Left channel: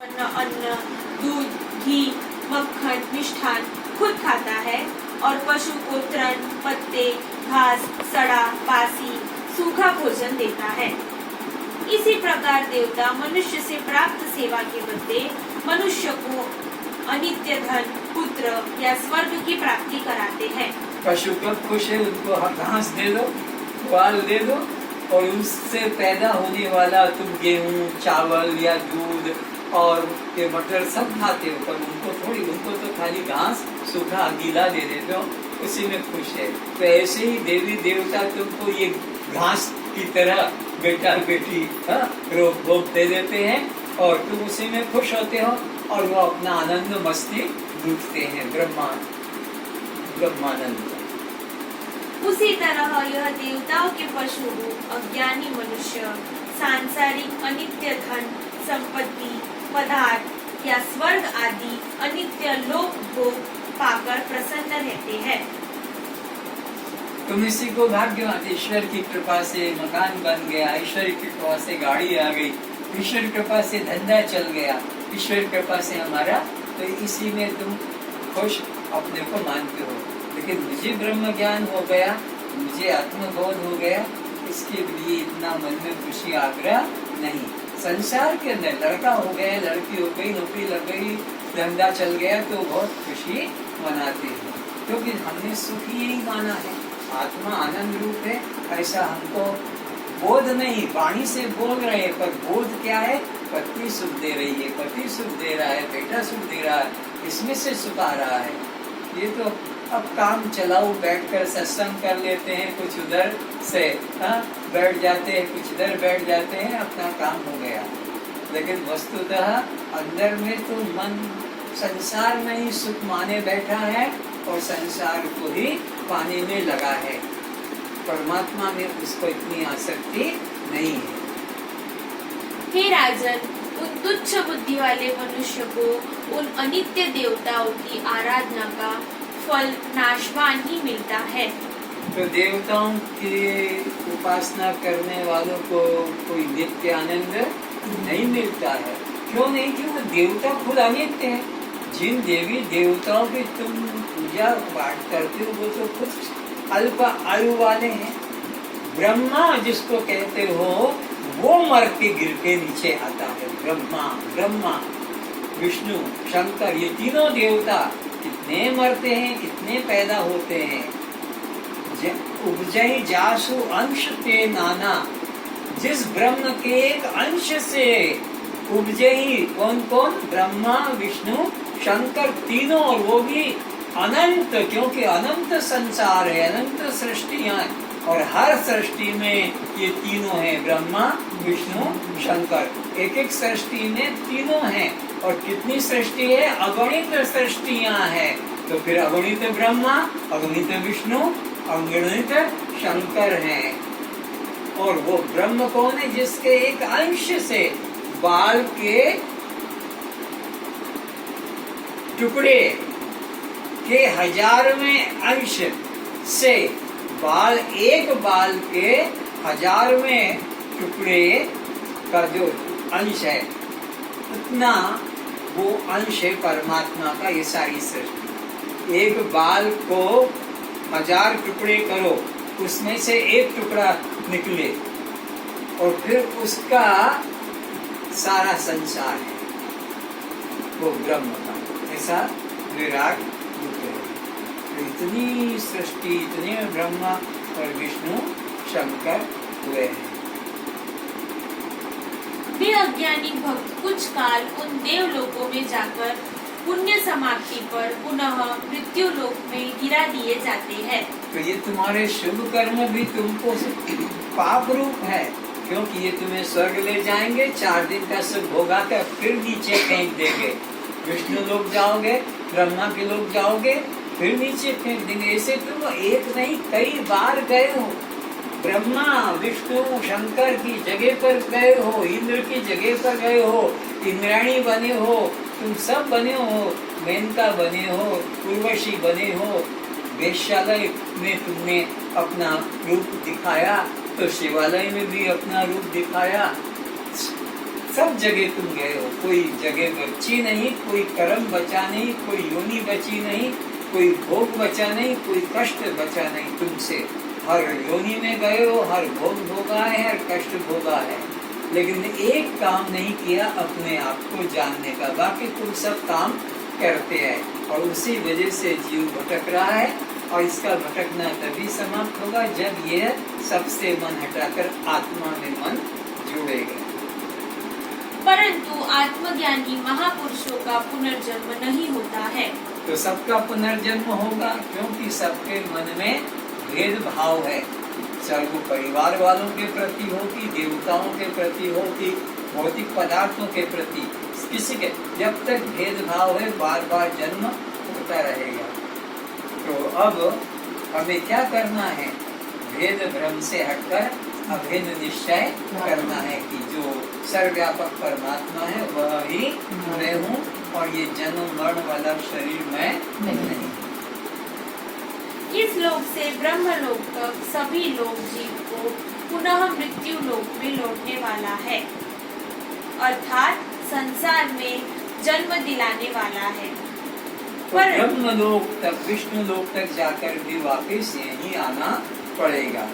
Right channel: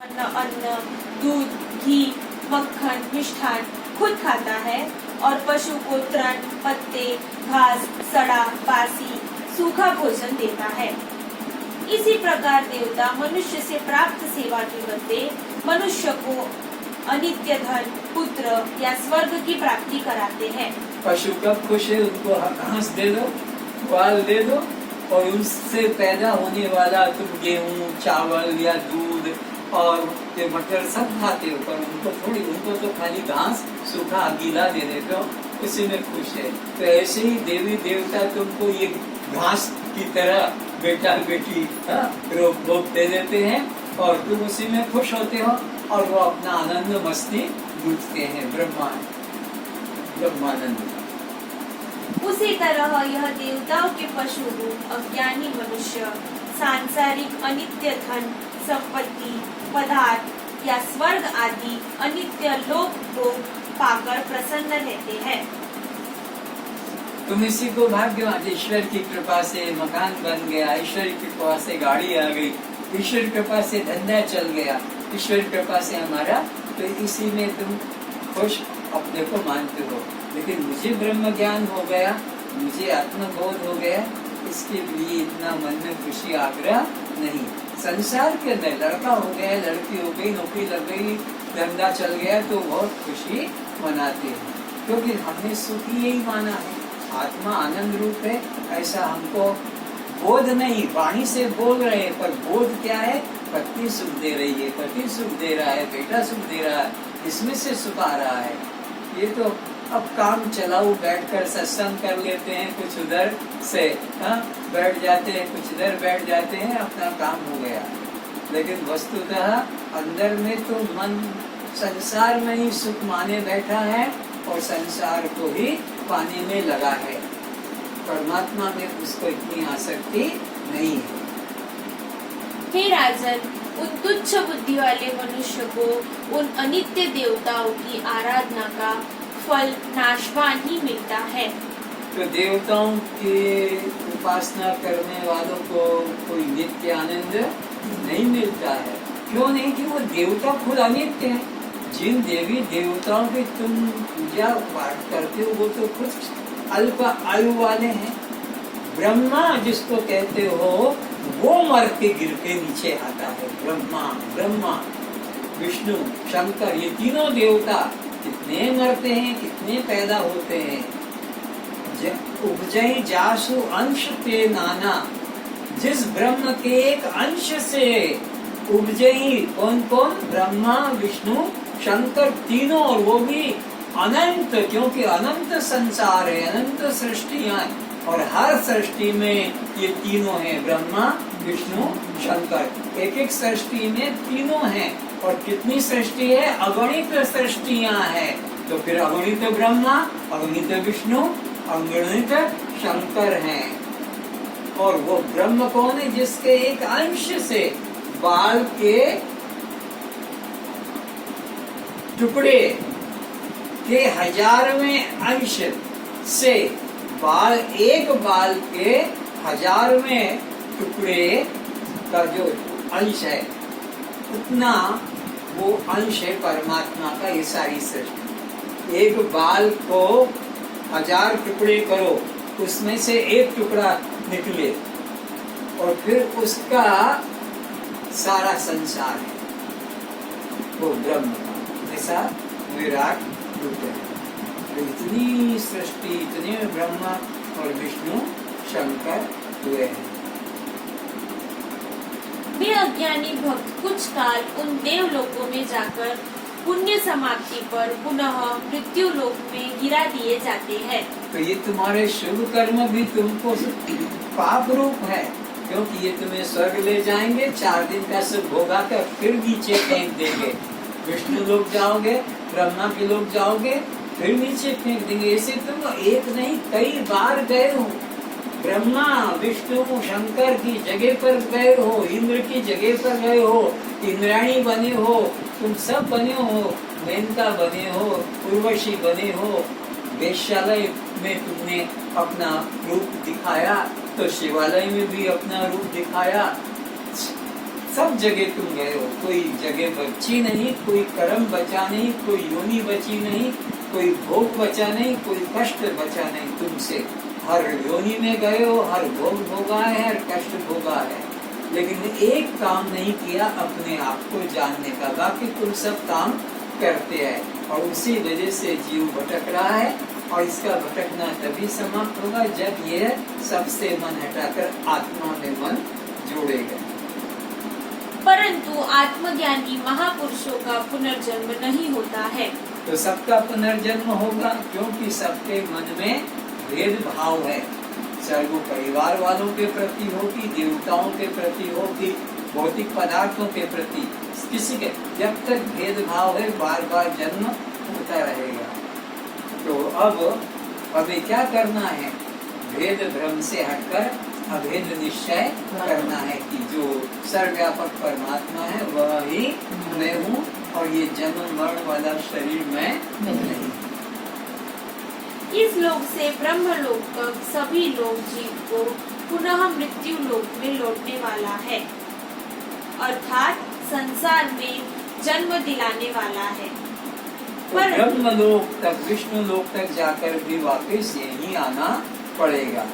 अन्न, दूध, घी, मक्खन, मिष्ठान खुद खाता है और पशु को तृण, पत्ते, घास, सड़ा, बासी, सूखा भोजन देता है। इसी प्रकार देवता मनुष्य से प्राप्त सेवा के बदले मनुष्य को अनित्य धन, पुत्र या स्वर्ग की प्राप्ति कराते हैं। पशु कब खुश है, उनको घास दे दो, ग्वाल दे दो और उससे पैदा होने वाला तुम गेहूं, चावल या दूध और ये मटर सब खाते हो, पर उनको तो खाली घास, सूखा गीला दे देते हो, उसी में खुश है। तो ऐसे ही देवी देवता तुमको ये घास की तरह बेटा बेटी रोग भोग दे देते हैं और तुम उसी में खुश होते हो और वो अपना आनंद मस्ती लूटते हैं, ब्रह्मानंद। उसी तरह यह देवताओं के पशु रूप अज्ञानी मनुष्य सांसारिक अनित्य धन, संपत्ति, पदार्थ या स्वर्ग आदि अनित्य लोक भोग पाकर प्रसन्न रहते हैं। तुम इसी को भाग्यवान, ईश्वर की कृपा से मकान बन गया, ईश्वर की कृपा से गाड़ी आ गई, ईश्वर की कृपा से धंधा चल गया, ईश्वर की कृपा से हमारा, तो इसी में तुम खुश अपने को मानते हो। लेकिन मुझे ब्रह्म ज्ञान हो गया, मुझे आत्मबोध हो गया, इसके लिए इतना मन में खुशी आग्रह नहीं। संसार के अंदर लड़का हो गया, लड़की हो गई, नौकरी लग गई, धंधा चल गया तो बहुत खुशी मनाते हैं, क्योंकि हमने सुख ही यही माना है। आत्मा आनंद रूप है, ऐसा हमको बोध नहीं, वाणी से बोल रहे हैं, पर बोध क्या है? पत्नी सुख दे रही है, पति सुख दे रहा है, बेटा सुख दे रहा है, इसमें से सुख आ रहा है। ये तो अब काम चलाओ, बैठकर सत्संग कर लेते हैं, कुछ उधर से बैठ जाते हैं, कुछ इधर बैठ जाते हैं, अपना काम हो गया। लेकिन वस्तुतः अंदर में तो मन संसार में ही सुख माने बैठा है और संसार को ही पाने में लगा है। परमात्मा में उसको इतनी आसक्ति नहीं है। हे राजन, उन तुच्छ बुद्धि वाले मनुष्य को उन अनित्य देवताओं की आराधना का फल नाशवान ही मिलता है। तो देवताओं की उपासना करने वालों को कोई नित्य आनंद नहीं मिलता है। क्यों नहीं? कि वो देवता खुद अनित्य है। जिन देवी देवताओं की तुम पूजा पाठ करते हो वो तो खुद अल्प आयु वाले हैं। ब्रह्मा जिसको कहते हो वो मर के गिर के नीचे आता है। ब्रह्मा, विष्णु, शंकर, ये तीनों देवता कितने मरते हैं, कितने पैदा होते हैं। उपजई जासु अंश ते नाना, जिस ब्रह्म के एक अंश से उपजई कौन कौन? ब्रह्मा, विष्णु, शंकर, तीनों, और वो भी अनंत, क्योंकि अनंत संसार है, अनंत सृष्टियां, और हर सृष्टि में ये तीनों हैं, ब्रह्मा, विष्णु, शंकर। एक एक सृष्टि में तीनों हैं। और कितनी सृष्टि है? अगणित सृष्टियां हैं। तो फिर अगणित ब्रह्मा, अगणित विष्णु, अगणित शंकर हैं। और वो ब्रह्म कौन है? जिसके एक अंश से बाल के टुकड़े के 1000वें अंश से एक बाल के 1000वें टुकड़े का जो अंश है, उतना वो अंश है परमात्मा का। ये सारी सृष्टि, एक बाल को 1000 टुकड़े करो, उसमें से एक टुकड़ा निकले और फिर उसका सारा संसार है वो ब्रह्म का। ऐसा विराट रूप है। तो इतनी सृष्टि, इतने ब्रह्मा और विष्णु, शंकर हुए हैं। वे अज्ञानी भक्त कुछ काल उन देवलोकों में जाकर पुण्य समाप्ति पर पुनः मृत्यु लोक में गिरा दिए जाते हैं। तो ये तुम्हारे शुभ कर्म भी तुमको पाप रूप है, क्योंकि ये तुम्हें स्वर्ग ले जाएंगे, 4 दिन का सुख भोगा कर फिर नीचे फेंक देंगे। विष्णु लोग जाओगे, ब्रह्मा के लोग जाओगे, फिर नीचे फेंक देंगे। ऐसे तुम एक नहीं कई बार गए हो। ब्रह्मा, विष्णु, शंकर की जगह पर गए हो, इंद्र की जगह पर गए हो, इंद्राणी बने हो, तुम सब बने हो, मेनका बने हो, उर्वशी बने हो। वेश्यालय में तुमने अपना रूप दिखाया, तो शिवालय में भी अपना रूप दिखाया। सब जगह तुम गए हो, कोई जगह बची नहीं, कोई कर्म बचा नहीं, कोई योनि बची नहीं, कोई भोग बचा नहीं, कोई कष्ट बचा नहीं तुमसे। हर योनि में गए हो, हर भोग भोगा है, हर कष्ट भोगा है, लेकिन एक काम नहीं किया अपने आप को जानने का। बाकी तुम सब काम करते हैं और उसी वजह से जीव भटक रहा है। और इसका भटकना तभी समाप्त होगा जब ये सबसे मन हटाकर आत्मा में मन जोड़ेगा। परंतु आत्मज्ञानी महापुरुषों का पुनर्जन्म नहीं होता है। तो सबका पुनर्जन्म होगा, क्योंकि सबके मन में भेदभाव है। चाहे वो परिवार वालों के प्रति हो कि देवताओं के प्रति हो कि भौतिक पदार्थों के प्रति, किसी के जब तक भेदभाव है बार बार जन्म होता रहेगा। तो अब हमें क्या करना है? भेद भ्रम से हटकर अभेद निश्चय करना है कि जो सर्वव्यापक परमात्मा है वह ही मैं हूँ और ये जन्म मरण वाला शरीर मैं नहीं। इस लोक से ब्रह्म लोक तक सभी लोग जीव को पुनः मृत्यु लोक में लौटने वाला है, अर्थात संसार में जन्म दिलाने वाला है। तो ब्रह्म लोक तक, विष्णु लोक तक जाकर भी वापस यही आना पड़ेगा।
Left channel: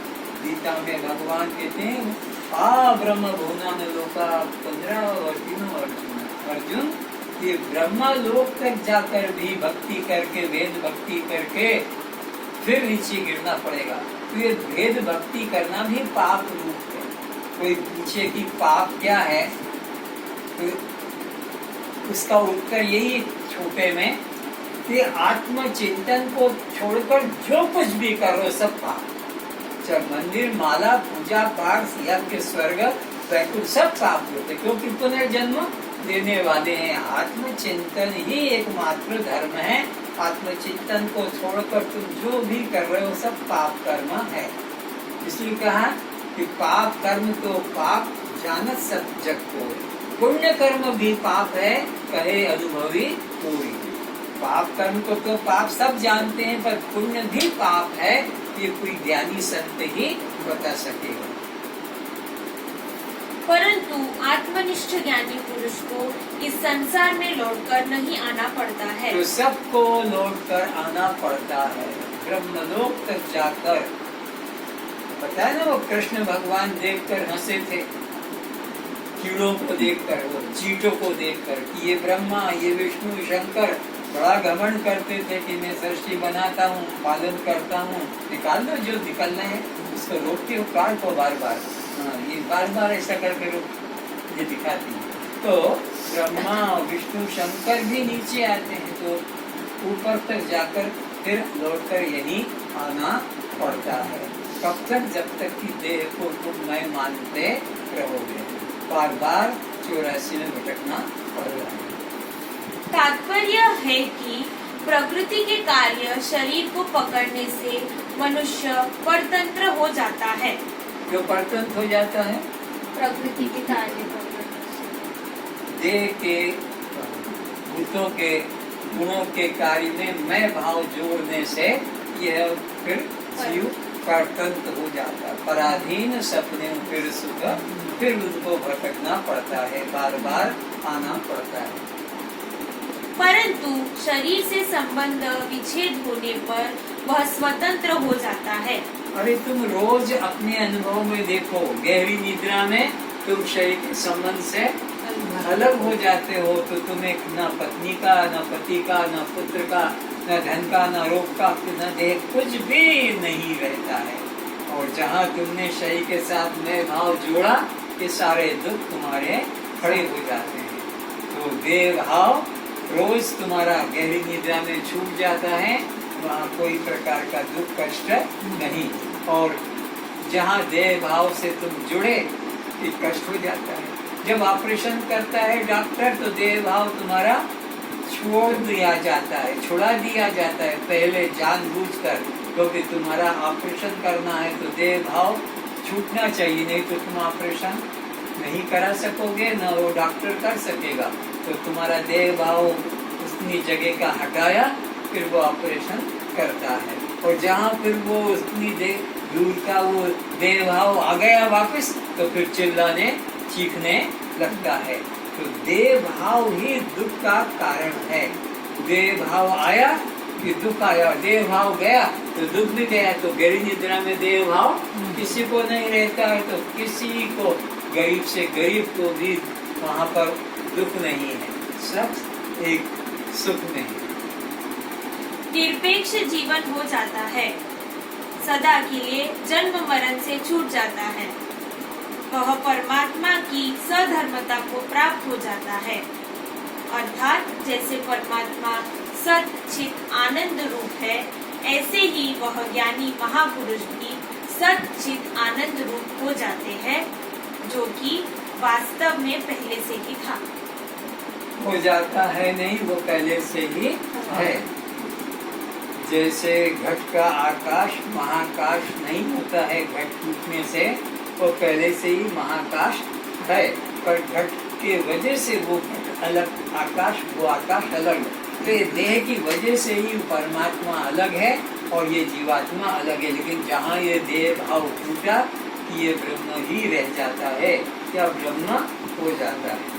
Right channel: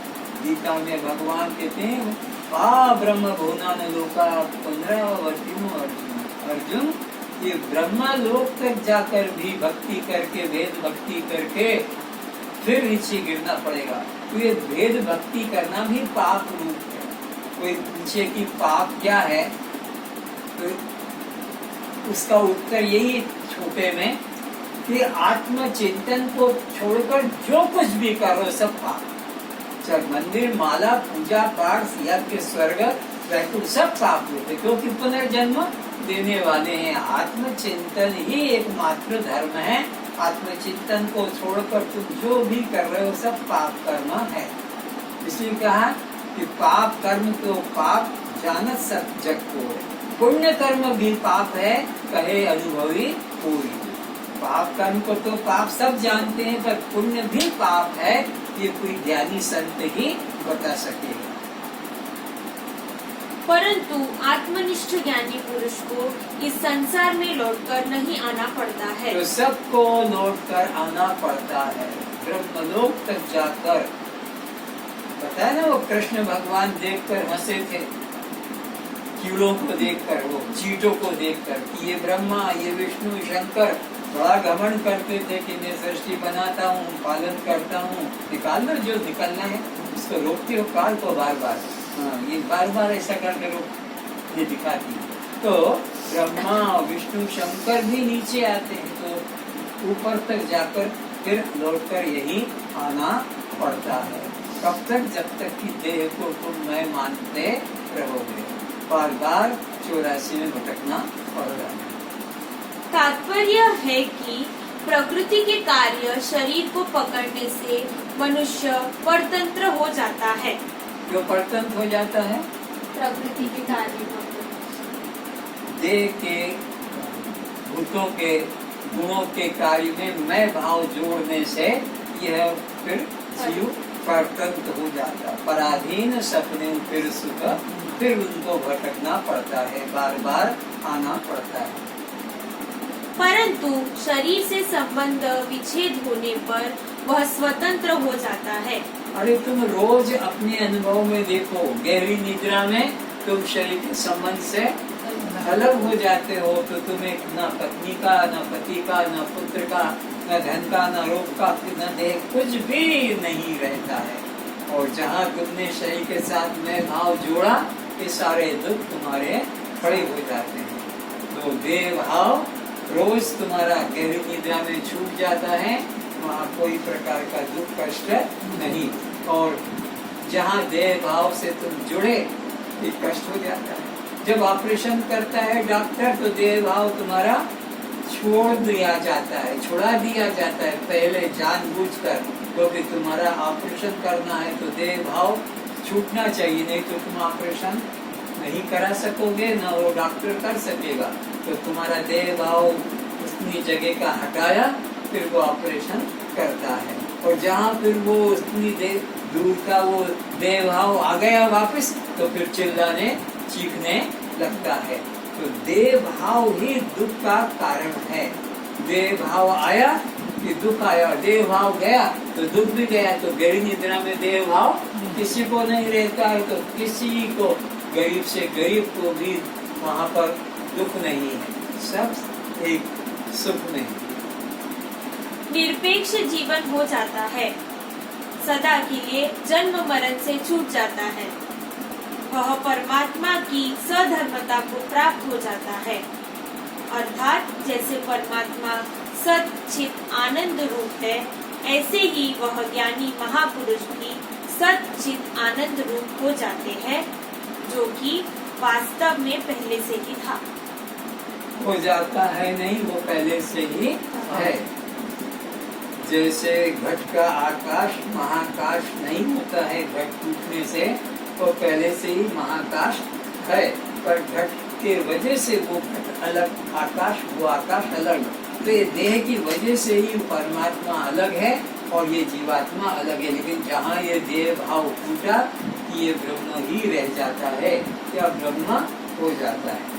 गीता में भगवान कहते हैं ब्रह्म भुवनान लोका 15 अर्जुन, ये ब्रह्म लोक तक जाकर भी भक्ति करके, वेद भक्ति करके फिर नीचे गिरना पड़ेगा। तो ये भेद भक्ति करना भी पाप रूप है। कोई पूछे कि पाप क्या है, तो उसका उत्तर यही छोटे में कि आत्मचिंतन को छोड़कर जो कुछ भी कर रहे हो सब पाप। चाहे मंदिर, माला, पूजा पाठ, यज्ञ, स्वर्ग, वैकुंठ सब पाप होते, क्योंकि पुनर्जन्म देने वाले हैं। आत्मचिंतन ही एकमात्र धर्म है। आत्मचिंतन को छोड़कर तुम जो भी कर रहे हो सब पाप कर्म है। इसलिए कहा कि पाप कर्म तो पाप जानत सब जग को है। पुण्य कर्म भी पाप है, कहे अनुभवी कोई। पाप कर्म को तो पाप सब जानते हैं, पर पुण्य भी पाप है, ये कोई ज्ञानी संत ही बता सकेगा। परंतु आत्मनिष्ठ ज्ञानी पुरुष को इस संसार में लौटकर नहीं आना पड़ता है। तो सबको लौटकर आना पड़ता है, ब्रह्मलोक तक जाकर। पता है ना, वो कृष्ण भगवान देखकर हंसे थे, कीड़ों को देखकर, वो चींटों को देखकर कि ये ब्रह्मा, ये विष्णु, शंकर बड़ा घमंड करते थे कि मैं सृष्टि बनाता हूँ, पालन करता हूँ। निकाल लो जो निकलना है, उसको रोकती हो काल को बार बार। ये बार बार ऐसा करके रोक, ये दिखाती है। तो ब्रह्मा, विष्णु, शंकर भी नीचे आते हैं, तो ऊपर तक जाकर फिर लौटकर यही आना पड़ता है। कब तक? जब तक कि देह को तुम मैं मानते रहोगे। बार बार 84 में भटकना पड़ता है। तात्पर्य है कि प्रकृति के कार्य शरीर को पकड़ने से मनुष्य परतंत्र हो जाता है। जो परतंत्र हो जाता है? प्रकृति के कार्य देह के, भूतों के, गुणों के कार्य में मैं भाव जोड़ने से यह फिर जीव परतंत्र हो जाता है। पराधीन सपने फिर सुख, फिर उनको भटकना पड़ता है, बार बार आना पड़ता है। परंतु शरीर से संबंध विच्छेद होने पर वह स्वतंत्र हो जाता है। अरे तुम रोज अपने अनुभव में देखो, गहरी निद्रा में तुम शरीर के संबंध से अलग हो जाते हो, तो तुम्हें न पत्नी का, न पति का, न पुत्र का, न धन का, न रोग का, न देह, कुछ भी नहीं रहता है। और जहाँ तुमने शरीर के साथ मैं भाव जोड़ा, ये सारे दुख तुम्हारे खड़े हो जाते हैं। तो देह भाव रोज तुम्हारा गहरी निद्रा में छूट जाता है, वहाँ कोई प्रकार का दुख कष्ट नहीं। और जहाँ देह भाव से तुम जुड़े, ये कष्ट हो जाता है। जब ऑपरेशन करता है डॉक्टर, तो देह भाव तुम्हारा छोड़ दिया जाता है, छुड़ा दिया जाता है पहले जानबूझकर, क्योंकि तुम्हारा ऑपरेशन करना है तो देह भाव छूटना चाहिए, नहीं तो तुम ऑपरेशन नहीं करा सकोगे, न वो डॉक्टर कर सकेगा। तो तुम्हारा देह भाव उतनी जगह का हटाया, फिर वो ऑपरेशन करता है। और जहाँ फिर वो उतनी दूर का वो देह भाव आ गया वापस, तो फिर चिल्लाने चीखने लगता है। तो देह भाव ही दुख का कारण है। देह भाव आया कि दुख आया, देह भाव गया तो दुख भी गया। तो गहरी निद्रा में देह भाव किसी को नहीं रहता है, तो किसी को गरीब से गरीब को भी वहाँ पर दुख नहीं है, सब एक सुख में है। निरपेक्ष जीवन हो जाता है, सदा के लिए जन्म मरण से छूट जाता है। वह परमात्मा की सधर्मता को प्राप्त हो जाता है, अर्थात जैसे परमात्मा सत चित आनंद रूप है, ऐसे ही वह ज्ञानी महापुरुष भी सत चित आनंद रूप हो जाते हैं, जो कि वास्तव में पहले से ही था। हो जाता है नहीं, वो पहले से ही है। जैसे घट का आकाश महाकाश नहीं होता है, घट टूटने से वो पहले से ही महाकाश है, पर घट के वजह से वो घट अलग, आकाश वो आकाश अलग। तो ये देह की वजह से ही परमात्मा अलग है और ये जीवात्मा अलग है। लेकिन जहाँ ये देह भाव टूटा, ये ब्रह्म ही रह जाता है, क्या ब्रह्म हो जाता है।